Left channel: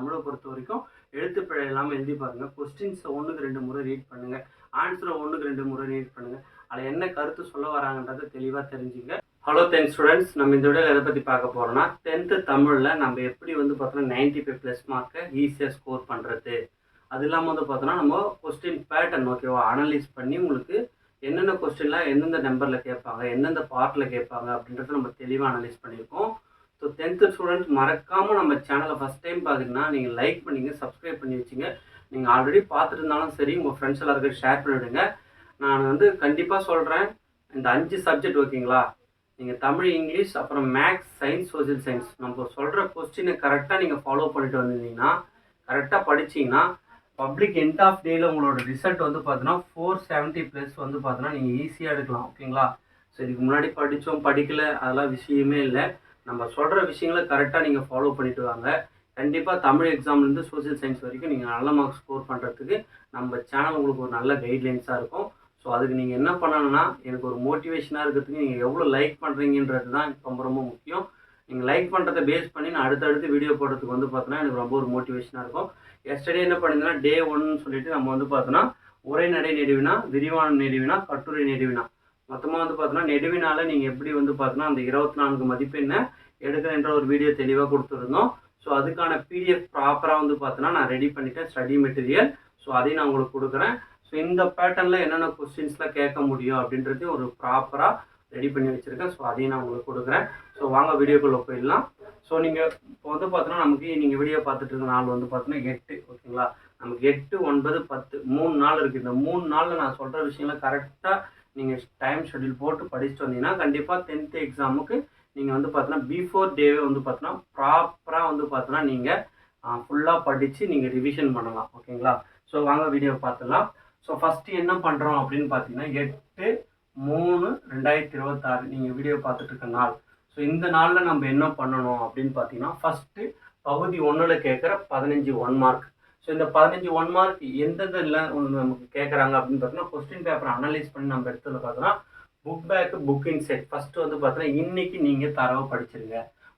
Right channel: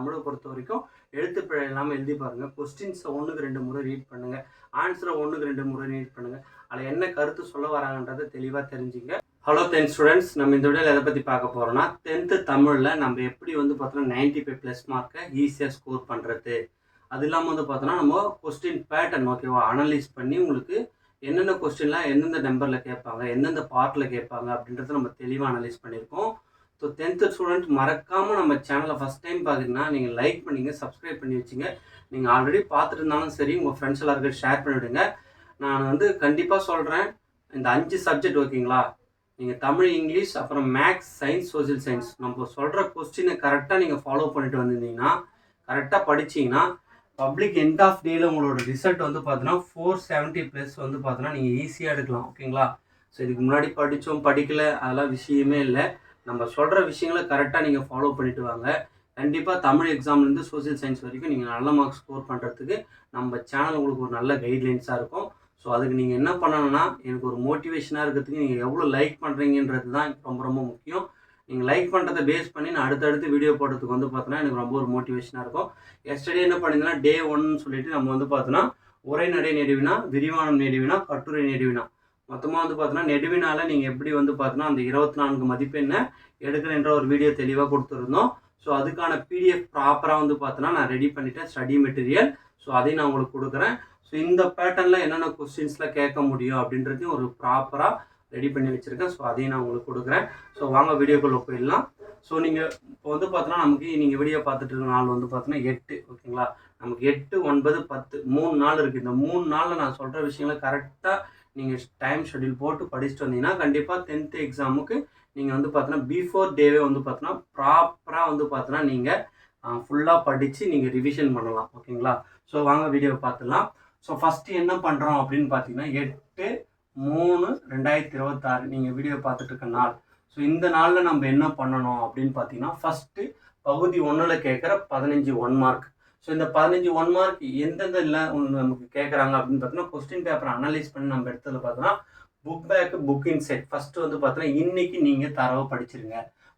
தமிழை பொறுத்த வரைக்கும் எழுத்து பிழை இல்லாமல் எழுதி பாருங்கள். கொஸ்டின்ஸை 1க்கு 2 முறை ரீட் பண்ணுங்கள். ஆன்சரை 1க்கு 2 முறை ரீட் பண்ணுங்கள். அதில் என்ன கருத்து சொல்ல வராங்கன்றதை தெளிவாக தெரிஞ்சுங்க. ஹலோ 10th ஸ்டூடெண்ட்ஸ், நம்ம இந்த வீடியோவில் எதை பற்றி பார்க்க போகிறோம்னா 10th தமிழில் நம்ம எப்படி பார்த்தோன்னா 95+ மார்க்கை ஈஸியாக ஸ்கோர் பண்ணுறது. அது இல்லாமல் பார்த்தோன்னா நம்ம கொஸ்டின் பேட்டர்ன் ஓகேவா அனலைஸ் பண்ணி உங்களுக்கு என்னென்ன கொஸ்டின்லாம் எந்தெந்த நம்பரில் கேட்பாங்க, எந்தெந்த பார்ட்டில் கேட்பாங்க அப்படின்றத நம்ம தெளிவாக அனலைஸ் பண்ணியிருக்கோம். ஸோ 10th ஸ்டூடெண்ட் மறக்காமல் நம்ம சேனலை ஃபஸ்ட் டைம் பார்க்குறீங்கன்னா நீங்கள் லைக் பண்ணிங்க, சப்ஸ்கிரைப் பண்ணி வச்சுங்க. நீங்கள் ஆல்ரெடி பார்த்துட்டு இருந்தாலும் சரி உங்கள் ஃப்ரெண்ட்ஸ் எல்லாருக்கும் ஷேர் பண்ணிவிடுங்க. நான் கண்டிப்பாக சொல்கிறேன், இந்த 5 சப்ஜெக்ட் ஓகேங்களா, நீங்கள் தமிழ், இங்கிலீஷ், அப்புறம் மேக்ஸ், சயின்ஸ், சோஷியல் சயின்ஸ் நம்ம சொல்கிற கொஸ்டினை கரெக்டாக நீங்கள் ஃபாலோ பண்ணிட்டு வந்திருந்தீங்கன்னா, கரெக்டாக படிச்சிங்கன்னா பப்ளிக் எண்ட் ஆஃப் டேயில் உங்களோட ரிசல்ட் பார்த்தீங்கன்னா 470+ பார்த்தீங்கன்னா நீங்கள் ஈஸியாக எடுக்கலாம் ஓகேங்களா. ஸோ இதுக்கு முன்னாடி படித்தோம் படிக்கலை அதெல்லாம் விஷயமே இல்லை. நம்ம சொல்கிற விஷயங்களை கரெக்டாக நீங்கள் ஃபாலோ பண்ணிட்டு வாங்க. கண்டிப்பாக தமிழ் எக்ஸாம்லேருந்து சோஷியல் சயின்ஸ் வரைக்கும் நீங்கள் நல்ல மார்க்ஸ் ஸ்கோர் பண்ணுறதுக்கு நம்ம சேனல் உங்களுக்கு ஒரு நல்ல கைட்லைன்ஸாக இருக்கும். ஸோ அதுக்கு நீங்கள் என்ன பண்ணணும்னா, எனக்கு ஒரு மோட்டிவேஷனாக இருக்கிறதுக்கு நீங்கள் எவ்வளோ லைக் பண்ணுறீங்கன்றது தான் ரொம்ப ரொம்ப முக்கியம். நீங்கள் லைக் பண்ணுறதை பேஸ் பண்ணி நான் அடுத்தடுத்து வீடியோ போடுறதுக்கு பார்த்தோன்னா எனக்கு ரொம்ப ஒரு மோட்டிவேஷனாக இருக்கும். எஸ்டர்டே என்ன பண்ணியிருந்தேன்னா டே 1ன்னு சொல்லிட்டு நம்ம பார்த்தோன்னா உரைநடை நெடுவினா, விரிவானம் நெடுவினா, கட்டுரை நெடுவினா மொத்தமாக பார்த்தோன்னா நெடுவினால நீங்கள் எப்படி பார்த்தோன்னா அந்த 24 மதிப்பெண்ணை எடுக்கணுன்ற ஒரு வீடியோ தெளிவாக கொடுத்துருந்தோம். ஸோ அதுக்கான பிடிஎஃப் ப்ராப்பராக பார்த்தோன்னா நான் ரெடி பண்ணிட்டேன், ஸ்டடி மெட்டீரியல். ஸோ அதையும் நான் உங்களுக்கு கொடுக்குறேன். ஸோ இந்த பேட்டர்னில் என்னென்ன கொஸ்டின்ஸ்லாம் கேட்க முடியும் அப்படின்றதையும் ஒரு ப்ராப்பராக ரெடி பண்ணி வச்சுருக்கேன். ஸோ அதையும் நான் உங்களுக்கு கொடுக்குறேன். ஸோ வாங்க வீடியோக்குள்ளே போயிடலாம். ஸோ நீங்கள் இப்போ பார்த்தோன்னா நமக்கு நீங்கள் வீடியோ பார்த்துட்டு இருக்க நாள் பார்த்தோன்னா 8 ஓகேங்களா. நமக்கு 8, 9, 10 3 நாள் இருக்குது. இந்த 3 நாளில் நான் சொல்கிற விஷயங்களை கரெக்டாக நீங்கள் டைம் ஷெட்யூல் போட்டு படிச்சுட்டு வந்தீங்கன்னா கண்டிப்பாக 10th எக்ஸாமுக்கு நீங்கள் பார்த்தோன்னா பிஃபோர் டேவே பார்த்தோன்னா ப்ராப்பராக பார்த்தோன்னா நீங்கள் ஃபுல்லாக படித்து நீங்கள் ரிவிஷன் பண்ணலாம் ஓகேங்களா. ஸோ வாங்க வீடியோ பார்த்துடலாம். ஸோ ஃபஸ்ட்டு என்ன பண்ணுறோம் அப்படின்னு பார்த்தீங்கன்னா 8/3/2026 நீங்கள் வீடியோ பார்த்துட்டு இருக்க நாள். ஸோ இந்த நாளில் நம்ம என்ன பண்ணணும் அப்படின்னு பார்த்தீங்கன்னா ஃபஸ்ட்டு பகுதி 1ல் கேட்குற 15 1 மார்க். ஸோ இந்த 15 1 மார்க் எந்தெந்த இல்லை நமக்கு கேட்குறாங்க அப்படின்னு பார்த்தீங்கன்னா கொஸ்டின் பேப்பரை அனலைஸ் பண்ணி நம்ம எடுத்ததில் பார்த்தோன்னா book bag, book inset first பார்த்தீங்கன்னா இன்றைக்கி நீங்கள் தரவு படிச்சிருங்க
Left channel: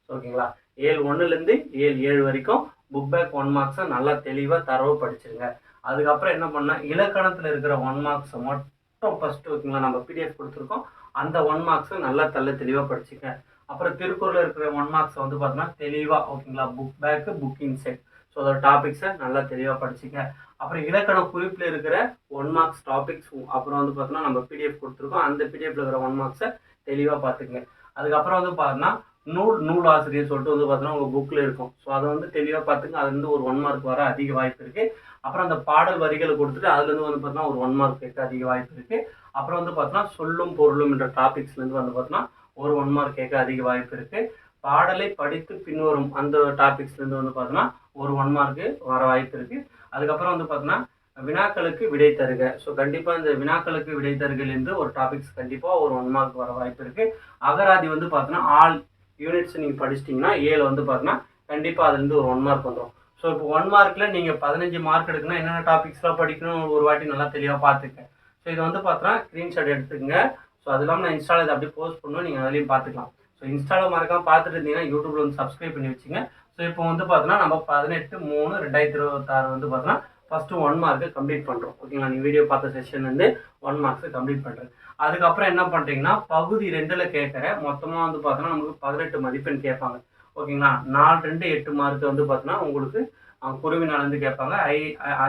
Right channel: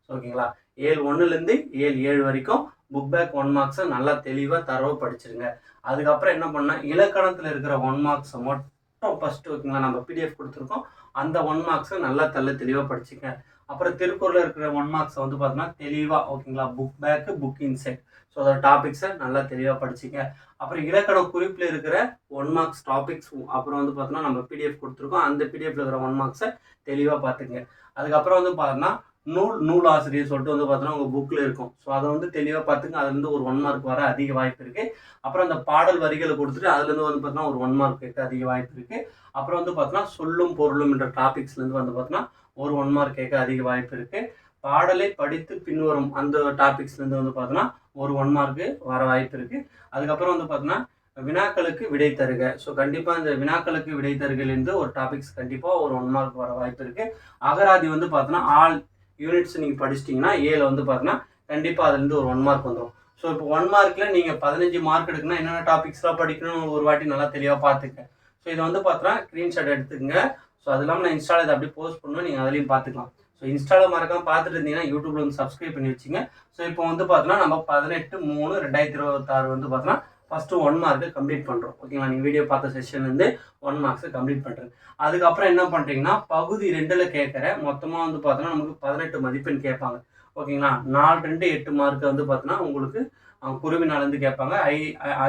ஓகேங்களா. 7/1லேருந்து 7/7 வரைக்கும் புக் பேக் 1 மார்க்ஸை நல்லா தெளிவாக தரவு படிச்சிருங்க. அதுக்கப்புறம் என்ன பண்ணால் இலக்கணத்தில் இருக்கிற 1 மார்க்ஸை மட்டும் ஃபஸ்ட்டு ஓகேங்களா, நம்ம பிடிஎஃப் கொடுத்துருக்கோம், அந்த 1 மார்க்ஸை நல்லா தெளிவாக படிச்சுங்க. அப்புறம் திருக்குறளில் இருக்கிற 1 மார்க்ஸை பார்த்தோன்னா தெளிவாக ஓகேங்களா book bag, book inset. So அதோட டாபிக்ஸை நல்லா தெளிவாக படிச்சுங்க. அப்புறம் இலக்கண குறிப்பில் இருக்கிற 1 மார்க்ஸ் டாபிக்ஸ் அப்புறம் பார்த்தோன்னா நம்ம பிடிஎஃப் கொடுத்துருக்கோம், அந்த பிடிஎஃப்ல இருக்கிற 1 மார்க்ஸை தெளிவாக பார்த்துக்குங்க. அதுக்கப்புறம் பார்த்தோன்னா நூலாசிரியர் சொல்லிட்டு பார்த்தோன்னா உங்கள் புக்கில் இருக்கும். ஸோ அதை தெளிவாக பார்த்துங்க. அதுலேருந்து ஒரு 1 மார்க் வர அதிக வாய்ப்பு இருக்குது. அப்புறம் அந்த பாடல் வரிகளை கொடுத்துட்டு அதுலேருந்து பார்த்தோன்னா ஒரு 1 மார்க் கேட்க அதிக வாய்ப்பு இருக்குது. அப்புறம் பார்த்தோன்னா சொல்லும் பொருளும் என்ற டாபிக்ஸ்லேருந்து பார்த்தோன்னா ஒரு 1 மார்க் கேட்க அதிக வாய்ப்பு இருக்குது. பாடலை படித்து பின்வரும் அந்த டாபிக்ஸ்லேருந்து பார்த்தோன்னா ஒரு 1 மார்க்கு வர வாய்ப்பு இருக்குது. அதுக்கப்புறம் பார்த்தோன்னா வினாக்களுக்கு விடை தருக. ஸோ கண்டிப்பாக இந்த வினாக்களுக்கு விடை தருகையிலேருந்து ஒரு டாபிக்ஸ் கண்டிப்பாக ஒரு 1 மார்க் வர வாய்ப்பு இருக்குது. அகராதி பார்த்தோன்னா ஆல் யூனிட்ஸ் நீங்கள் படிச்சிட்டிங்கன்னா 7 பார்த்தோன்னா கண்டிப்பாக அதுலேருந்து ஒரு 1 மார்க் வந்துடும். ஸோ இப்போ 1 மார்க்கில் நீங்கள் 15 மார்க் எடுக்கணும், என்னென்ன டாபிக்ஸ்லாம் படிக்கணும்னு ஒரு வாட்டி நல்லா தெளிவாக பார்த்துக்கேன். ஸோ இதை பார்த்தோன்னா ஸ்க்ரீன்ஷாட் எடுத்துக்கங்க. ஸோ அது இல்லாமல் நான் இன்ஸ்டாவில் இதை அப்படியே போஸ்ட் பண்ணுவேன், நீங்கள் அதுலேயும் பார்த்துக்கலாம். ஸோ இன்ஸ்டாவில் மறக்காமல் பார்த்துட்டு இருந்தீங்கன்னா யூடியூப்ல சப்ஸ்கிரைப் பண்ணி வச்சுங்க. ஸோ இப்போ பார்த்தோன்னா நம்ம 18/3/2026 பார்த்தோன்னா ஃபஸ்ட்டு 1 மார்க்கை கம்ப்ளீட் பண்ணுறோம் ஓகேங்களா. நீங்கள் வீடியோ பார்த்த செஷன்லேருந்து 1 மார்க்ஸை கம்ப்ளீட் பண்ணுறேன். அதுக்கப்புறம் என்ன பண்ணுறீங்கன்னா பகுதி 2ல் கேட்குற மொத்தமாக பார்த்தோன்னா நமக்கு 18 மதிப்பெண் கேட்பாங்க ஓகேங்களா. 4 2 8 மார்க் பார்த்தோன்னா உங்களுக்கு குருவினாலேருந்து கேட்பாங்க.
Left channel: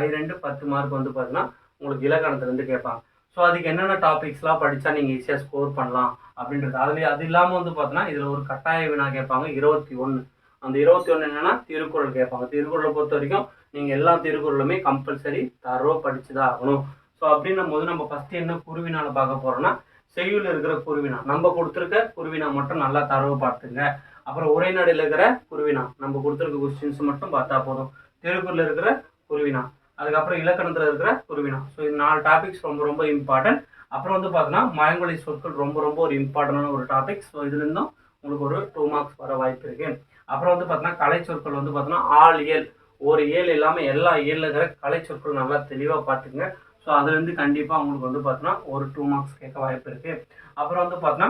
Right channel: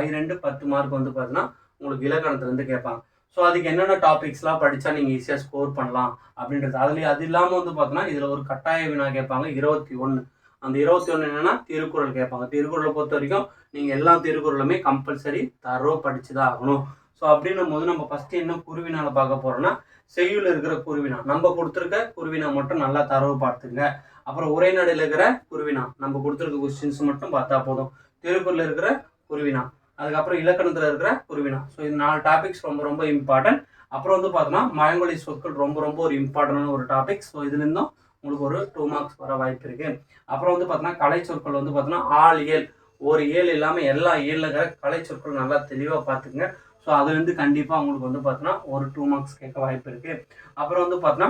I2 10 மார்க் பார்த்தோன்னா உங்களுக்கு இலக்கணத்துலேருந்து கேட்பாங்க. ஸோ அதுக்கு என்னென்ன டாபிக்ஸ்லாம் படித்தா நீங்கள் ஈஸியாக ஸ்கோர் பண்ணலாம் அப்படின்றது. அது இல்லாமல் பார்த்தோன்னா இதில் ஒரு கட்டாய வினா கேட்பாங்க 21. அந்த 21 என்னென்னா திருக்குறள் கேட்பாங்க. திருக்குறளை பொறுத்த வரைக்கும் நீங்கள் எல்லா திருக்குறளுமே கம்பல்சரி தரவாக படித்து தான் ஆகணும். ஸோ அப்படின்னும் போது நம்ம ஃபஸ்ட்டு என்ன குருவினால பார்க்க போகிறோம்னா செய்யுள் இருக்கிற குருவினா நம்ம கொடுத்துருக்க குருவினா மட்டும் நல்லா தரவு பார்த்துங்க. அப்புறம் உரைநடையில் இருக்கிற குருவினா நம்ம கொடுத்துருக்க கொஸ்டின்ஸ் மட்டும் பார்த்தா போதும். திருக்குறளில் இருக்கிற குருவினா, அதுக்கப்புறம் இலக்கணத்தில் இருக்கிற குருவினா. ஸோ இது 4 டாபிக்ஸ் ரொம்ப ரொம்ப இம்பார்ட்டன்ட். அப்புறம் பார்த்தோன்னா மயங்கொலி சொற்கள் ரொம்ப ரொம்ப ஒரு இம்பார்ட்டண்டான ஒரு டாபிக். ஸோ இதுலேருந்தும் உங்களுக்கு ஒரு 2 மார்க்ஸ் வர வாய்ப்பு இருக்குது. அப்புறம் பார்த்தோன்னா கலை சொற்கள் பார்த்தோன்னா ஆல் இயல் ஒரு ஏழு இல்லாமல் எல்லா ஏழில் இருக்கிற கலை சொற்கள் நல்லா தெளிவாக பார்த்துங்க. ஸோ அதுலேருந்து கண்டிப்பாக உங்களுக்கு பார்த்தோன்னா ஒரு 2 மார்க்ஸ் கேட்க வாய்ப்பு இருக்குது. அப்புறம் பார்த்தோன்னா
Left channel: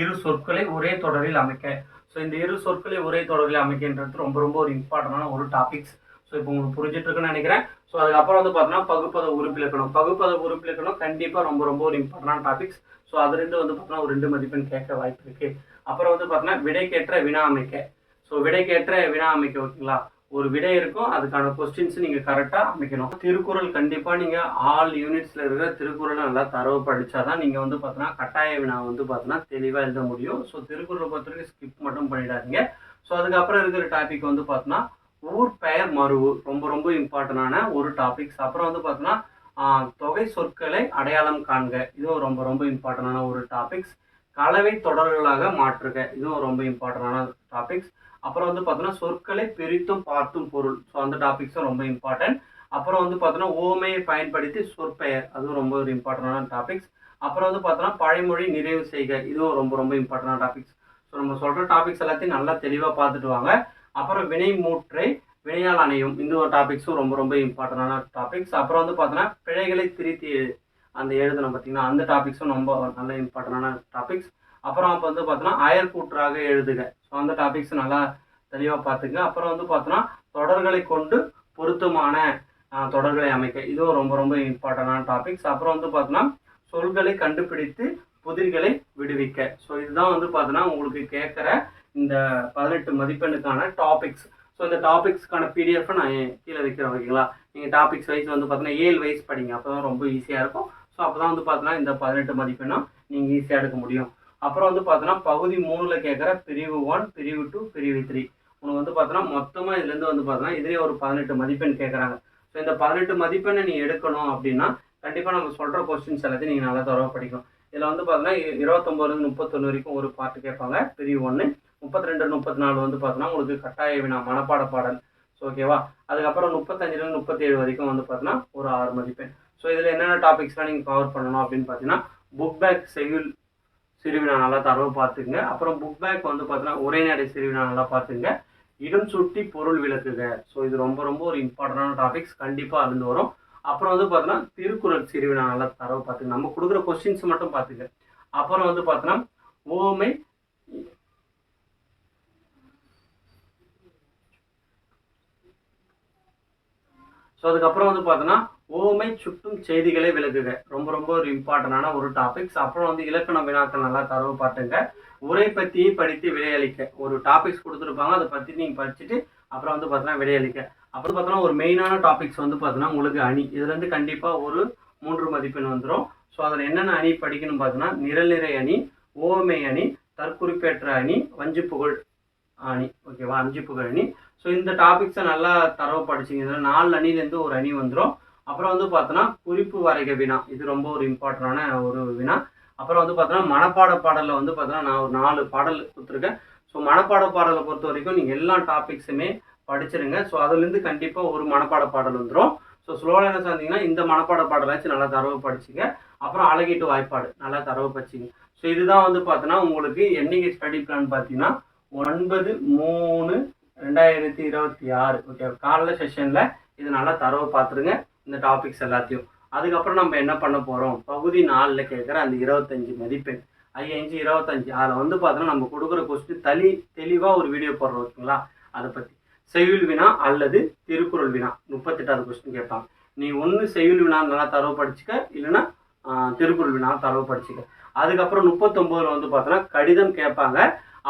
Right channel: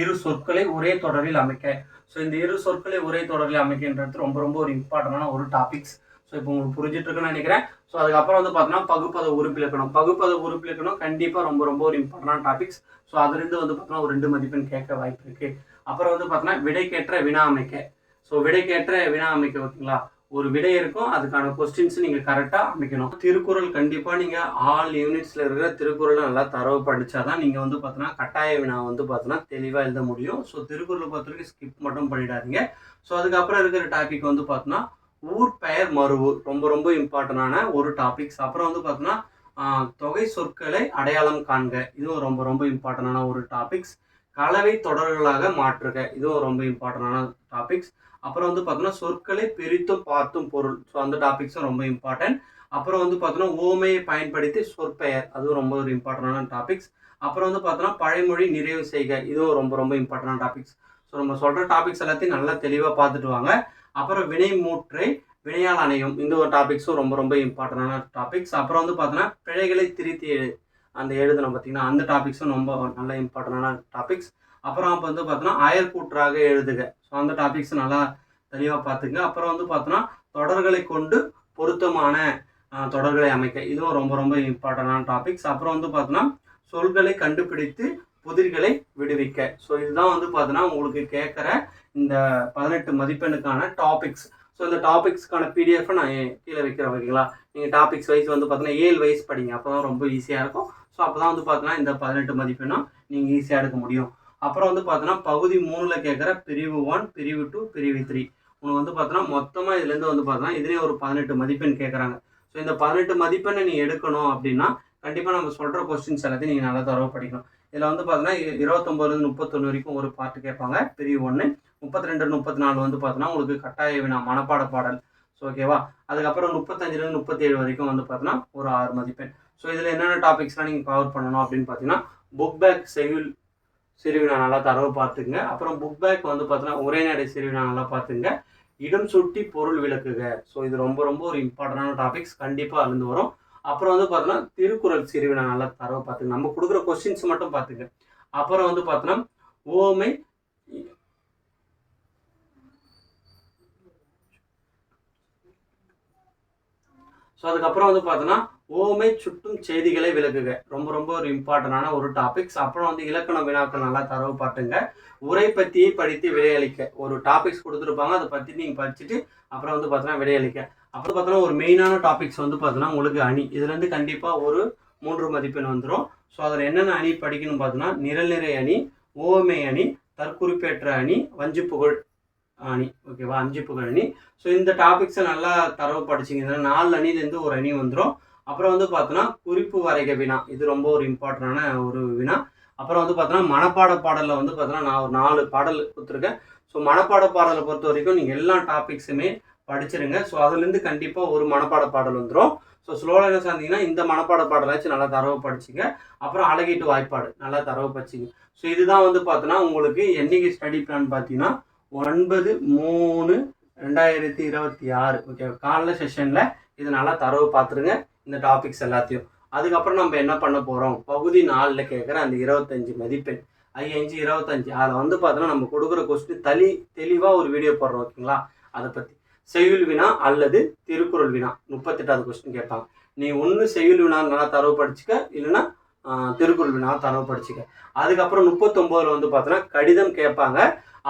இரு சொற்களை ஒரே தொடரில் அமைக்க. ஸோ இந்த இரு சொற்களை உரை தொடரில் அமைக்கின்றது ரொம்ப ரொம்ப ஒரு இம்பார்ட்டண்டான ஒரு டாபிக்ஸ். ஸோ இப்போ உங்களுக்கு புரிஞ்சிட்டு இருக்குன்னு நினைக்கிறேன். ஸோ அதுக்கப்புறம் வந்து பார்த்தீங்கன்னா பகுப்பத உறுப்பிலக்கணம். பகுப்பத உறுப்பிலக்கணம் கண்டிப்பாக ரொம்ப ரொம்ப ஒரு இம்பார்ட்டண்டான டாபிக்ஸ். ஸோ அதுலேருந்து வந்து பார்த்தீங்கன்னா ஒரு 2 மதிப்பெண் கேட்க வாய்ப்பு இருக்கு. அப்புறம் வந்து பார்த்தீங்கன்னா விடைக்கேற்ற வினா அமைக்க. ஸோ விடைக்கேற்ற வினா அமைக்க ஓகேங்களா, ஒரு விடை இருக்கும், அதுக்கான கொஸ்டின்ஸ் நீங்கள் கரெக்டாக அமைக்கணும். திருக்குறள் கண்டிப்பாக நீங்கள் ஆல் யூனிட்ஸில் இருக்கிற திருக்குறளை நல்லா தரவு படித்தாதான் நீங்கள் வந்து பார்த்தீங்கன்னா கட்டாய வினா வந்து பார்த்தீங்கன்னா தெளிவாக எழுத முடியும். ஸோ திருக்குறளை பொறுத்த வரைக்கும் ஸ்கிப் மட்டும் பண்ணிடாதீங்க. ஸோ அதுக்கப்புறம் இருக்கிற டாபிக் வந்து பார்த்தீங்கன்னா ஊர் பெயர் மருவு ரொம்ப ரொம்ப இம்பார்ட்டண்டான ஒரு டாபிக்ஸ். அப்புறம் வந்து பார்த்தீங்கன்னா தொகை சொற்களை அடையாளம் காண்க, இதுவும் ரொம்ப ரொம்ப இம்பார்ட்டண்டான ஒரு டாபிக்ஸ். கலவை தொடர்களாக மாற்றுக, இதுவும் ரொம்ப இம்பார்ட்டண்டான டாபிக்ஸ். அப்புறம் வந்து பார்த்தீங்கன்னா சொற்களை பிரித்தும் பார்த்தும் பொருள், ஸோ அந்த டாபிக்ஸும் ரொம்ப இம்பார்ட்டன்ட். அப்புறம் வந்து பார்த்தீங்கன்னா ஓமையை பயன்படுத்தி சொற்பெயர், அதுவும் ரொம்ப ஒரு இம்பார்ட்டண்டான டாபிக்ஸ். அப்புறம் வந்து பார்த்தோன்னா பழைமொழி நிறைவு செய்க, இதுவும் ரொம்ப ரொம்ப இம்பார்ட்டண்டான டாபிக்ஸ். ஸோ நம்ம சொல்கிற டாபிக்ஸ் எல்லாத்தையும் நல்லா தெளிவாக பார்த்துட்டு வாங்க. அப்புறம் வினை மூற்றை வினையால் அணையும், இந்த ஒரு டாபிக்ஸும் ரொம்ப ரொம்ப இம்பார்ட்டண்டான டாபிக்ஸ். அப்புறம் வந்து பார்த்தோன்னா பிழைகளை திருத்தி அந்த எழுதணும் பார்த்தீங்கன்னா, அந்த டாபிக்ஸும் ரொம்ப நல்ல இம்பார்ட்டண்டான டாபிக்ஸ். அப்புறம் அப்போ வந்து பார்த்தோன்னா அயற்கூற்றாக எழுதுக, ஸோ அந்த டாபிக்ஸ் நல்லா தெளிவாக பார்த்துங்க. அப்புறம் வந்து பார்த்தோன்னா தொடர்களை கொண்டு பொருத்தமான தொடர்களை அமைக்க, இதுவும் ரொம்ப ரொம்ப இம்பார்ட்டண்டான டாபிக்ஸ். அப்புறம் வந்து பார்த்தோன்னா சொல்களை கண்டுபிடித்து புதிர்களை விடுவிக்க, ஸோ இதுதான் வந்து பார்த்தோன்னா உங்களுக்கு கேட்குற இந்த 18 மதிப்பெண்ணுக்கான டாபிக்ஸ். ஸோ இந்த டாபிக்ஸ்க்கான பிடிஎஃபை நான் கீழே வைக்கிறேன் ஓகேங்களா. நீங்கள் டாபிக்ஸ் வைஸ் வந்து பார்த்தீங்கன்னா 7 வைஸ் படிங்க, அப்போ தான் ரொம்ப ஈஸியாக இருக்கும். ஸோ அப்போ தான் வந்து பார்த்தீங்கன்னா இந்த 18 மதிப்பெண்ணும் நீங்கள் ஈஸியாக எடுக்க முடியும். அப்புறம் வந்து பார்த்தோன்னா பகுதி 3ல் கேட்குற பிரிவு 1, பிரிவு 2, பிரிவு 3 உனக்கு வந்து பார்த்தோன்னா மொத்தமாக இதுலேருந்து வந்து பார்த்தோன்னா இதுலேயே ஒரு 18 மதிப்பெண் கேட்குறாங்க. ஸோ இந்த 18 மதிப்பெண்ணை நீ எடுக்கணும் அப்படின்னா கண்டிப்பாக நம்ம சொல்கிற கொஸ்டின்ஸ் எல்லாத்தையும் நீங்கள் நல்லா தரவாக படிக்கணும். இதில் வந்து பார்த்தோன்னா 29 31 வரைக்கும் ஒரு பாட்டு கேட்பாங்க பிரிவு 1, 32 34 வந்து பார்த்தோன்னா உங்களுக்கு கட்டாய வினா மனப்பாட பாடல். ஸோ ஓகேவா. அதுக்கப்புறம் 35 37 வரைக்கும் வந்து பார்த்தோன்னா ஒரு 6 மதிப்பெண். ஸோ இதில் என்னென்ன டாபிக்ஸ்லாம் நீங்கள் கவர் பண்ணணும் அப்படின்னு பார்த்தீங்கன்னா புக் பேக் செய்யுள் சிறுவினா நல்லா தரவு பார்த்துங்க. அப்புறம் புக் பேக் வந்து பார்த்தீங்கன்னா உரைநடை சிறுவினா நல்லா பார்த்துங்க. இடம் சுட்டி பொருள் விளக்குக, ஸோ இது ரொம்ப ரொம்ப ஒரு இம்பார்ட்டண்டான டாபிக்ஸ், கண்டிப்பாக அழிந்து வரும். அப்புறம் வந்து பார்த்தோன்னா திருக்குறள் சிறுவினா நல்லா தரவு பார்த்துங்க, நம்ம கொடுக்குற கொஸ்டின்ஸ் மட்டும் பார்த்துங்க. அப்புறம் வந்து பார்த்தோன்னா ஓமை ஸோ அதுக்கப்புறம் வந்து பார்த்தோன்னா ஓமை சுட்டும் செய்திகளை விளக்குக, ரொம்ப ரொம்ப ஒரு இம்பார்ட்டண்டான ஒரு டாபிக்ஸ். அப்புறம் வந்து இலக்கண வினாக்கள் நல்லா தரவு பாட்டுங்க. உரை பற்றியை படித்து விடையளிக்க, ஒரு டாபிக்ஸ் கொடுத்துருப்பாங்க, அதை பற்றி நீங்கள் படிச்சுட்டு அப்புறம் வந்து பார்த்தோன்னா விடையளிக்க. அப்புறம் பார்த்தோன்னா ஒரு மெயினான டாபிக்ஸ் வந்து பார்த்தோன்னா உங்களுக்கு அணி, இதுலேருந்து கண்டிப்பாக ஒரு 3 மதிப்பெண் வந்துடும். ஸோ அதில் என்னென்ன அணி படிக்கணும் பார்த்தோன்னா நிரல்நிறை அணி, ஓமை அணி, தற்குறிப்பேற்ற அணி, வஞ்சிப்புகழ் அணி, ஓகேவா, 5 புகழ் அணி. ஸோ இந்த டாபிக்ஸை நல்லா தரவு படிச்சிங்கன்னா 4 அணிலேருந்து ஒரு அணி வந்துடும். அப்புறம் வந்து பார்த்தோன்னா குறிப்பு வரைக வினா, இது ரொம்ப ஒரு இம்பார்ட்டண்டான ஒரு வினா. அப்புறம் வந்து பார்த்தோன்னா மனப்பாட பாடலில் வந்து பார்த்தோன்னா நான் ஒரு 4 பாடல் கொடுத்துருக்கேன். ஸோ மனப்பாட பாடலை பொறுத்த வரைக்கும் நீங்கள் எல்லா டாபிக்ஸுமே படிச்சிருங்க. ஸோ அதுலேருந்து கண்டிப்பாக ஒரு மனப்பாட பாடல் வந்துடும். ஸோ ஸ்லோவில் என்ன சொன்னீங்கன்னா இந்த மனப்பாட பாடலாச்சும் நல்லா தரவு படிச்சிங்க. அப்புறம் அழகீட்டு வாய்ப்பாடு நல்லா தரவு படிச்சிங்க. ஸோ இதுதான் வந்து பார்த்தோன்னா உங்களுக்கு என்னைக்கு ஸ்டடி பிளான் பார்த்தீங்கன்னா 9/3/2026 ஓகே, காலைல செஷனில் இது நல்லா தரவு பார்த்துருங்க இந்த டாபிக்ஸ் எல்லாத்தையும். அதுக்கப்புறம் நம்ம என்ன பண்ண போகிறோம், பகுதி 4ல் கேட்குற அந்த 25 மதிப்பெண் 5 25 அதில் வந்து பார்த்தோன்னா நம்ம கொடுக்குற கொஸ்டின் தெளிவாக ஒரு வீடியோ போடுறோம் ஓகேங்களா. அதை பற்றி செய்யுள் வினா அல்லது திருக்குறள் வினா 38வது கொஸ்டின் கேட்பாங்க. நீ ஒன்று செய்யுள் வினா நல்லா தரவு படிச்சுக்க, இல்லைன்னா திருக்குறள் வினா தரவு படிச்சுக்க. அதுக்கப்புறம் 39ல் வந்து பார்த்தோன்னா கடிதம் கேட்பாங்க.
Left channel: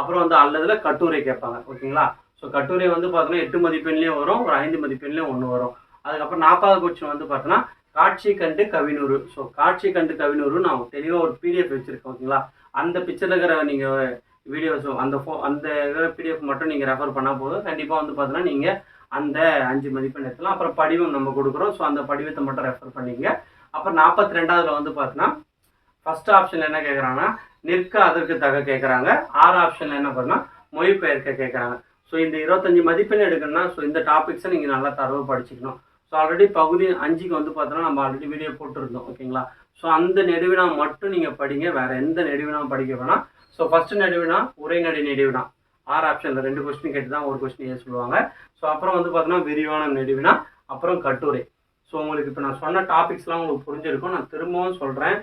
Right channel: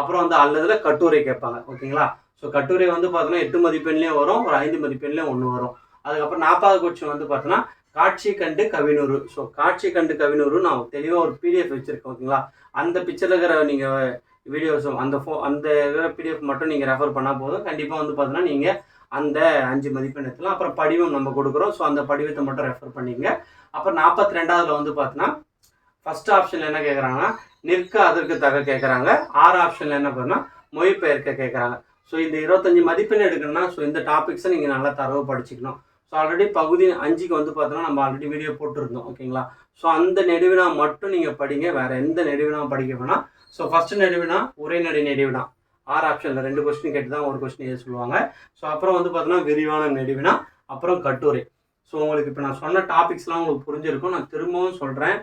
அப்புறம் வந்து அல்லதுல கட்டுரை கேட்பாங்க ஓகேங்களா. ஸோ கட்டுரை வந்து பார்த்தோன்னா 8 மதிப்பெண்லேயும் வரும், ஒரு 5 மதிப்பெண்லேயும் 1 வரும். அதுக்கப்புறம் 40வது கொஸ்டின் வந்து பார்த்தோன்னா காட்சி கண்டு கவினூறு. ஸோ காட்சி கண்டு கவினூறு நான் தெளிவாக ஒரு பிடிஎஃப் வச்சுருக்கேன் ஓகேங்களா. அந்த பிக்சரில் இருக்கிற நீங்கள் வீடியோஸும் அந்த பிடிஎஃப் மட்டும் நீங்கள் ரெஃபர் பண்ணால் போதும், கண்டிப்பாக வந்து பார்த்தோன்னா நீங்கள் அந்த 5 மதிப்பெண் எடுத்துலாம். அப்புறம் படிவம் நம்ம கொடுக்குறோம், ஸோ அந்த படிவத்தை மட்டும் ரெஃபர் பண்ணிங்க. அப்புறம் 42வது வந்து பார்த்தோன்னா ஃபர்ஸ்ட் ஆப்ஷனில் என்ன கேட்குறாங்கன்னா நிற்க அதற்கு தக கேட்குறாங்க. 6 ஆப்ஷனில் என்ன பண்ணால் மொழிபெயர்க்க கேட்குறாங்க. ஸோ இந்த 25 மதிப்பெண் எடுக்கணும்னா ஸோ இந்த டாபிக்ஸை நீங்கள் நல்லா தரவு படிச்சுக்கணும். ஸோ ஆல்ரெடி பகுதி 5க்கு வந்து பார்த்தோன்னா நம்ம ஆல்ரெடி வீடியோ போட்டிருந்தோம் ஓகேங்களா. ஸோ அந்த நெடுவினா மட்டும் நீங்கள் படிங்க, வேறு எந்த நெடுவினாவும் படிக்க வேணாம். ஸோ ஃபஸ்ட்டு நெடுவினா உரைநடை நெடுவினா 6 ஆப்ஷனில் 2 கொஸ்டின் கேட்டு தான் ஒரு கொஸ்டின் சொல்லுவாங்க. ஸோ அப்புறம் வந்து பார்த்தோன்னா விரிவான நெடுவினா, அப்புறம் கட்டுரை. ஸோ உங்களுக்கு இப்போ நான் சொன்ன டாபிக்ஸ்லாம் உங்களுக்கு புரிஞ்சிருக்கும், நான் திரும்பவும் சொல்கிறேன்.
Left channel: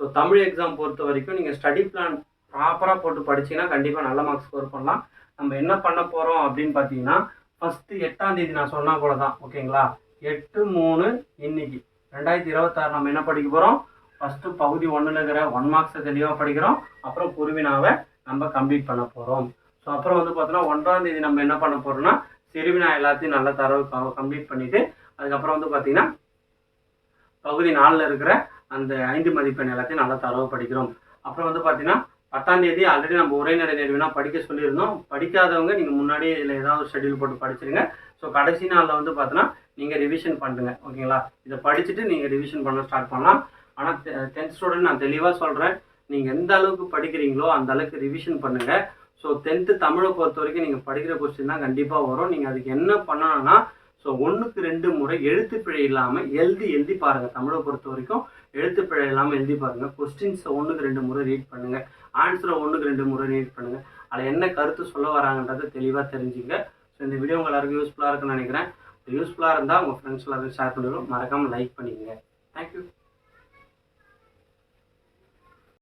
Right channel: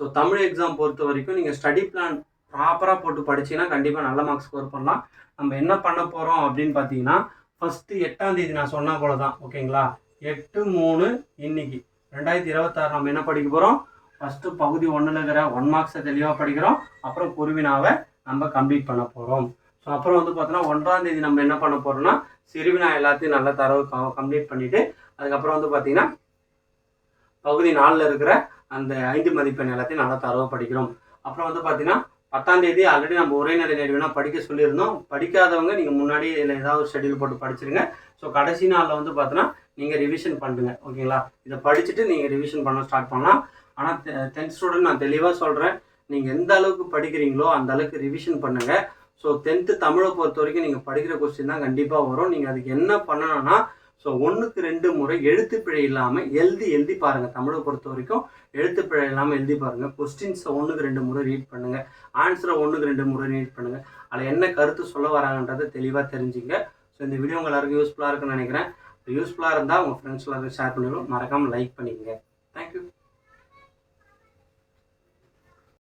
ஸோ தமிழ் எக்ஸாம் பொறுத்த வரைக்கும் நீங்கள் ஸ்டடி பிளான் ப்ராப்பராக போட்டு படிச்சிங்கன்னா கண்டிப்பாக நல்ல மார்க்ஸ் ஸ்கோர் பண்ணலாம். நம்ம என்ன பண்ண போகிறோம் அப்படின்னு பார்த்தீங்கன்னா, ஃபஸ்ட்டு 8ஆம் தேதி நான் சொன்னா போல தான், ஓகேங்களா? 8/3 இன்னைக்கு 2026 நம்ம என்ன படிக்க போகிறோம்? ஃபஸ்ட்டு பகுதி 1ல் இருக்கிற 1 மார்க்ஸை தெளிவாக படிக்கிறோம். அப்புறம் குருவினாவை நம்ம கம்ப்ளீட் பண்ண போகிறோம். ஸோ அப்புறம் வந்து பார்த்தோன்னா 1ஆம் தேதி நம்ம என்ன பண்ண போகிறோம்னா, சிறுவினா எல்லாத்தையும் நல்ல தரவு கம்ப்ளீட் பண்ணிவிட்டு, அதுக்கப்புறம் வந்து பார்த்தீங்கன்னா பகுதி 4ல் இருக்கிற அந்த 5 மதிப்பெண் எல்லாத்தையும் நல்லா தரவு படிக்கிறோம். அப்புறம் வந்து பார்த்தீங்கன்னா 10ஆம் தேதி ஆல்ரெடி நம்ம உரைநடை நெடுவினா படிக்க சொல்லியிருந்தோம். படிக்காதவங்க நீங்கள் முன்னாடி இதில் ஏதாவது ஒரு ஷெட்யூல் போட்டு படிச்சிருங்க. ஸோ கடைசி நாளில் வந்து பார்த்தோன்னா நீங்கள் ரிவிஷன் பண்ணுங்க, ஓகேங்களா? இதை படிச்சுட்டு நீங்கள் ரிவிஷன் பண்ண ஸ்டார்ட் பண்ணலாம். ஆனால் 10th ஸ்டூடெண்ட் நான் தெளிவாக சொல்கிறேன், நீங்கள் எந்த அளவுக்கு படிக்கிறீங்களோ அந்த அளவுக்கு ரிவிஷன் பண்ணுங்கள். ஸோ 10th தமிழை பொறுத்த வரைக்கும் நீங்கள் படிக்கிற கொஸ்டின் தான் கண்டிப்பாக வரும். நீங்கள் அதுக்கு என்ன பண்ணணும்னா, ஸோ 1க்கு 2 முறை எழுத்துப்பிழை இல்லாமல் எழுதி பாருங்கள். தமிழை பொறுத்த வரைக்கும் எழுத்துப்பிழை இல்லாமல் எழுதி பாருங்கள். கொஸ்டின்ஸை 1க்கு 2 முறை ரீட் பண்ணுங்கள். ஆன்சரை 1க்கு 2 முறை ரீட் பண்ணுங்கள். அதில் என்ன கருத்து சொல்ல வராங்கன்றதை தெளிவாக தெரிஞ்சுங்க. ஸோ இந்த வீடியோ உங்கள் எல்லாருக்கும் யூஸ்ஃபுல்லாக இருக்குன்னு நினைக்கிறேன். யூஸ்ஃபுல்லாக இருந்தால் உங்கள் ஃப்ரெண்ட்ஸ் எல்லாருக்கும் ஷேர் பண்ணுங்கள். மறக்காமல் லைக் பண்ணிக்கங்க.